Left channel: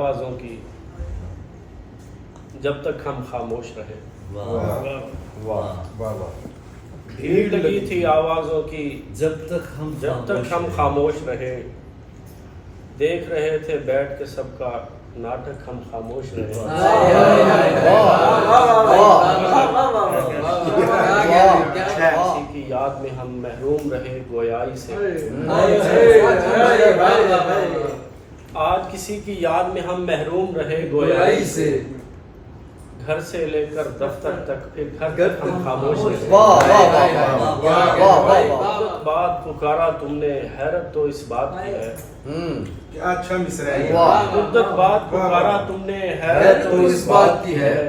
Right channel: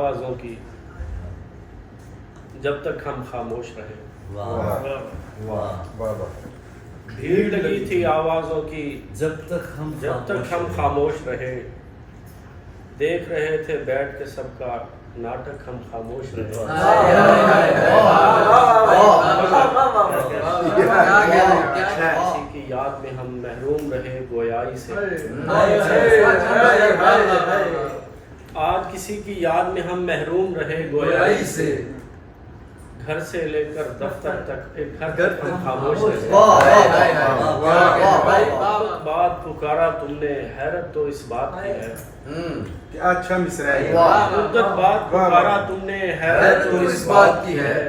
आवाज़ों की जब तक हम खामोश रहे। भीड़ लगी थी आवाज़ों की जब तक हम खामोश रहे। देख रहे थे बैठ के सबका नाटक, हम खामोश रहे। किसी की याद में हम महरूम रहे गोयाई से। आज किसी की याद में हम महरूम रहे गोयाई से। घर से लेकर दफ्तर तक, फिर घर तक हम खामोश रहे। बात पुकारा तुमने, हैरत तो इस बात की है। क्या अच्छा मिसरा है। मुद्दत बाद पुकारा तुमने, हैरत तो इस बात की है।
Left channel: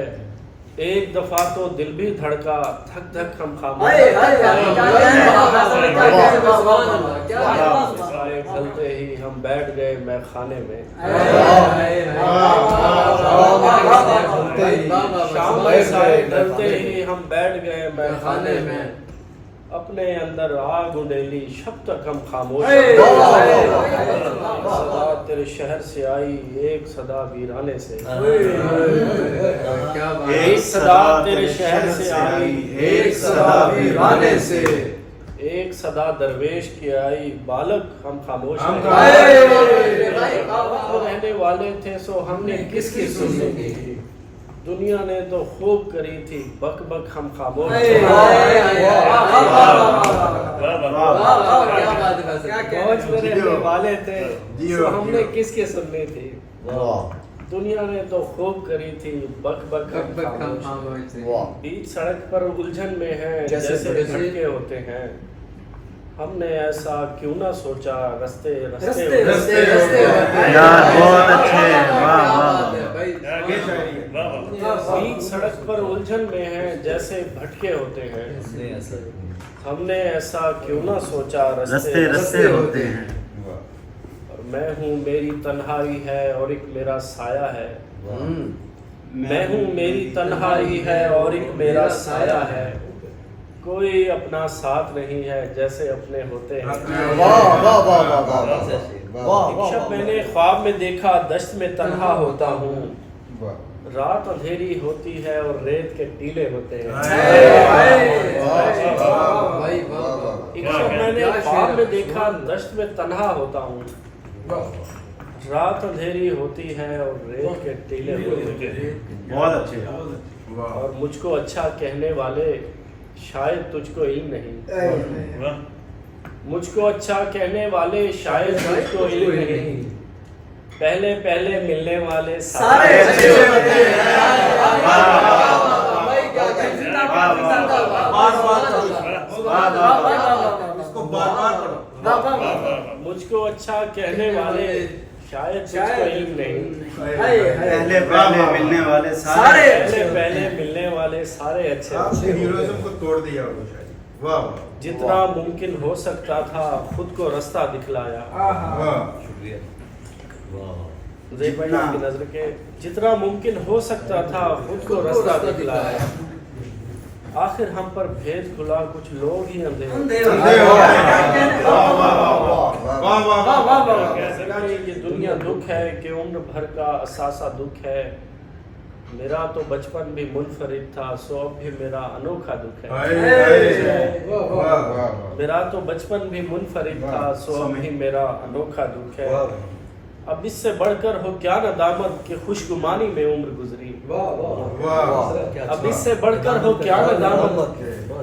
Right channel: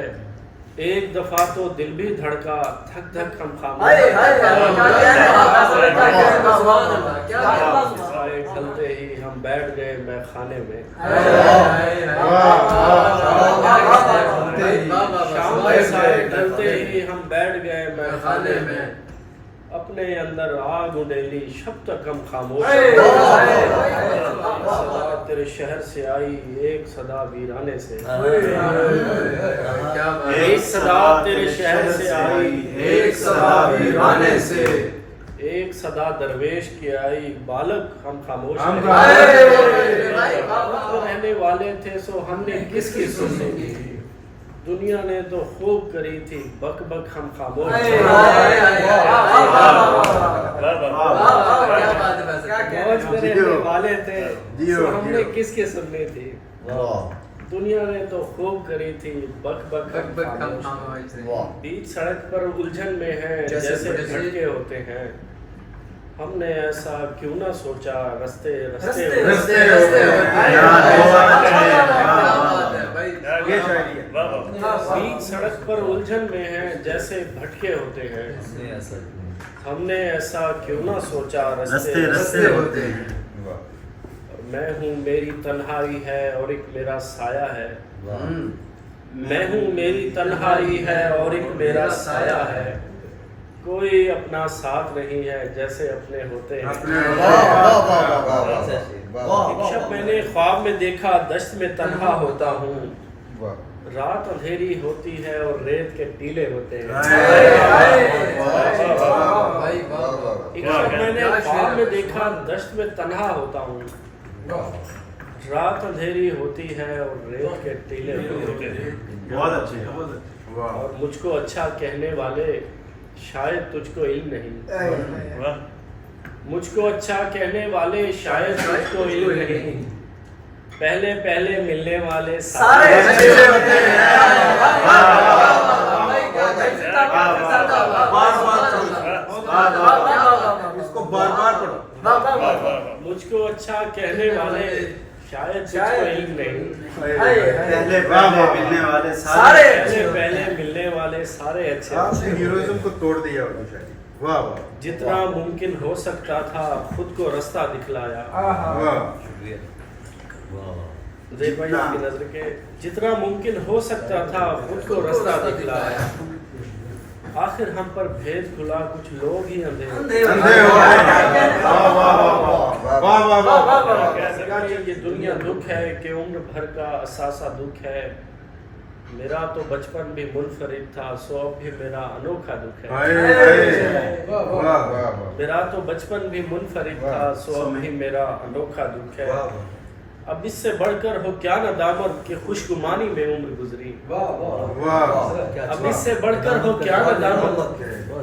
एक दफा तो दिल भी धड़का, थक थक हम खामोश ढलते ही हम बैठ गए मैं खाने में। शाम के साए ढलते ही हम बैठ गए मैं खाने में। अपने अंदर आग उड़ेली शब तक हम खामोश। सदा तेरे शहर से आई, एक सदा वीराने से। एक सदा तेरे शहर से आई, एक सदा वीराने से। एक सदा दरवेश की आई, बालक हम खामोश रहने वाले थे, सो हमने किसकी सुनने की। दुनिया ने तो खूब करी थी, बक बक हम खामोश। मौज में रहने वाले थे, सो हमने किसकी सुननी थी। दुनिया ने तो खूब करी थी, बक बक हम खामोश। बीच सड़क पर उलझन में है जैसे भटके होते हैं। हमने ऐसा क्यों ना सोचा, रस्ते रस्ते बीच सड़क पर उलझन में है जैसे भटके होते हैं। हमने ऐसा क्यों ना सोचा, रस्ते रस्ते होते हैं। मैं हूँ मेरी तन्हाई है और एक मेरा साया है। मैं हूँ मेरी तन्हाई है और एक मेरा साया है। कोई अपना साथ नहीं है जैसे अपने होते हैं। एक शब मैंने ख्वाब में देखा, दश्त में तन्हा होता हूँ। रात अंधेरी होती है और रेत के टीले होते हैं। एक शब मैंने ख्वाब में देखा, दश्त में तन्हा होता हूँ। रात अंधेरी होती है और रेत के टीले होते हैं। बहुत अच्छे। और मुझको अच्छा कहने वाले शायद तुझको इल्म नहीं। मुझको अच्छा कहने वाले शायद तुझको इल्म नहीं। पहले पहले मिलने वाले सारे अच्छे होते हैं। मुझको अच्छा कहने वाले शायद तुझको इल्म नहीं। पहले पहले मिलने वाले सारे अच्छे को तोड़ दिया। वाह। जितना मुमकिन हो सकता था खुद को रास्ता दिखलाया। की नजर के जितना मुमकिन हो सकता था खुद को रास्ता दिखलाया। आखिर हम पर भेद खुला, कुछ लोग ही अंधे ये दुनिया दुख है कि उम्र भर का असासा दुख है। मेरा तो बचपन भी मुनफरिद था, सो अब भी मेरा अनोखा दुख है। मेरा तो बचपन भी मुनफरिद था, सो अब भी मेरा अनोखा दुख है। अब इससे बढ़कर हो क्या नदामत कि खुशगुमानी में उम्र गुजरी। अब इससे बढ़कर हो क्या नदामत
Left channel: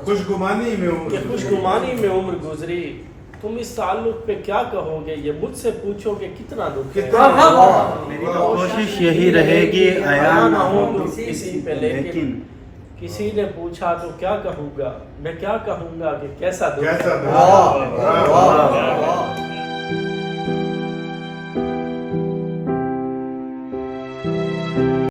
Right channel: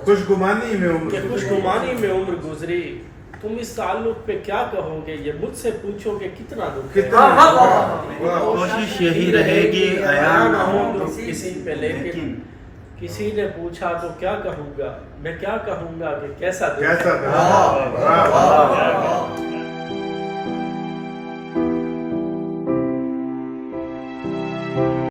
खुशगुमानी में उम्र गुजरी। तुम इस ताल्लुक पे क्या कहोगे, ये मुझसे पूछोगे कितना दुख है। कोशिश यही रहेगी आया ना हो दुख किसी पे, लेकिन किसी ने पूछा तो क्या कहूँगा, मैं क्या कहूँगा कि कैसा दुख है।